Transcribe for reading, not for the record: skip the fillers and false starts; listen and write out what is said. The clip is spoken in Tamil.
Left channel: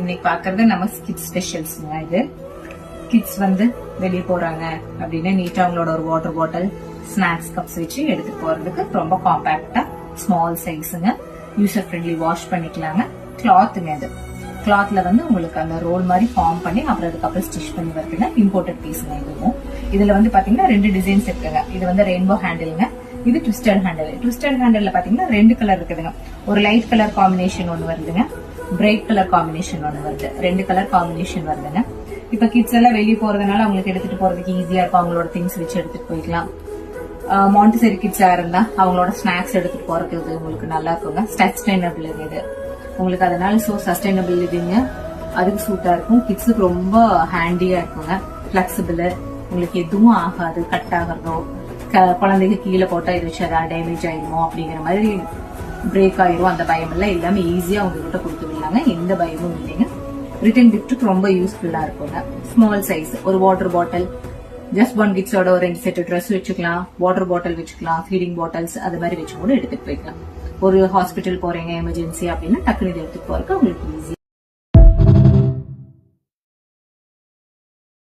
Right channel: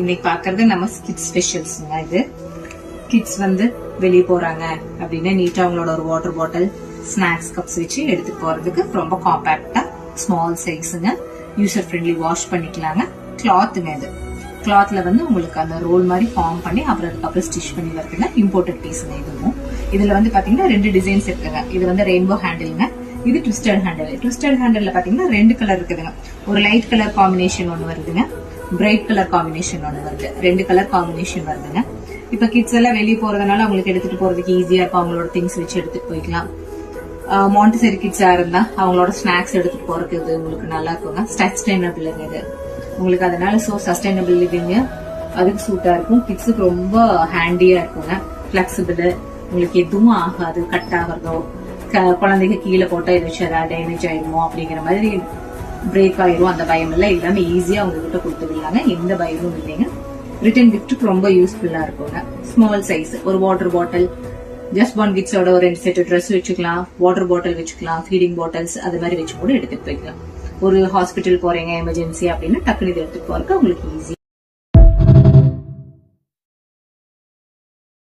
இன்னைக்கு பாக்குறது நம்ம கிட்ஸ் ஸ்பெஷல்ஸ்ங்க. இது கிட்ஸ் வந்து வெளியே போறாங்க அப்படின்னா நீட்டா அவங்களோட ஒரு வாட்டர் பாட்டில், ஸ்நாக்ஸ் கப்ஸ் வச்சு எடுத்து போறதுக்கு ரொம்ப காம்பாக்டா ஸ்மால் சைஸுங்க. யூசர் ஃப்ரெண்ட்லி, வாஷ் பண்ணிக்கலாங்க. கிளாத்துங்க. இது கிளாத்ல வந்து உங்களுக்கு அந்த ரோல் மாதிரி ஃபார்ம் பண்ணி அப்புறம் அதுக்கப்புறம் ஸ்டிச் பண்ணி வருதுங்க. இம்போர்ட்டட் பீஸுங்க. இதுவும் இதுல வந்து பாத்தீங்கன்னா 2 டிசைன்ஸ் இருக்குங்க. இது வந்து ரெயின்போ ஹேண்டில்ங்க, இது ட்விஸ்டட் ஹேண்டில். ட்விஸ்டட் ஹேண்டில்ல பாத்தீங்கன்னா 2 கலர் இருக்குதுங்க. ஒரு லைட் கலர் காம்பினேஷன் ஒன்னு வருதுங்க, பிரைட் கலர் காம்பினேஷன் ஒன்னு வருது. 2 கலர் காம்பினேஷன் வருதுங்க. இப்ப கிட்ஸ் எல்லாம் வெளியே போறதுனால அவங்களுக்கு எடுத்துட்டு போறதுக்கு ஈஸியா இருக்கும். அவங்களோட திங்ஸ் வச்சு எடுத்துட்டு போய்க்கலாம். மாண்டிசரி கிட்ஸா இருந்தா அவங்களோட ஸ்நாக்ஸ் எடுத்துட்டு போறதுக்கு இது உங்களுக்கு நல்லா இருக்குங்க. சஸ்டைனபிள் இது உங்களுக்கு, அதனால சஸ்டைனபிள் லிவிங் அதுக்கு சூட்டா இருக்கும். கிட்ஸுக்கு ரொம்ப ஹேண்டியா இருக்குங்க. பிளெக்சிபிள், உங்களுக்கு எதுவும் ஆகாது, கட் ஆகிறதோ குழந்தைங்க கீழே போட்டா இதை வச்சு ஏதாவது டேமேஜ் ஆயிருமோ அப்படிங்கிற மாதிரி பிரேக் ஆயிரும் அந்த பயம் எல்லாம் இல்லாம ஈஸியா உங்ககிட்ட கொடுத்துடலாங்க. எந்த பயமும் இல்லைங்க. ரிட்டன் கிஃப்ட் ரொம்ப யூஸ்ஃபுல்லா இருக்குங்க. ஸ்மால் சைஸ் ஒரு வாட்டர் பாட்டில், ஜஸ்ட் ஒன் கிட்ஸோட ஒரு 2 செட் ட்ரெஸ் வச்சுக்கலாம், வாட்டர் பாட்டில் வச்சுக்கலாம், ஃபீடிங் பாட்டில்ஸ் அது மாதிரி வச்சு கூட எடுத்துட்டு போய்க்கலாம். ஒரு ஹாஸ்பிட்டல் போறீங்க எமர்ஜென்சி அப்படின்னா டக்குனு இதை எடுத்துட்டு போறதுக்கு உங்களுக்கு ஈஸி.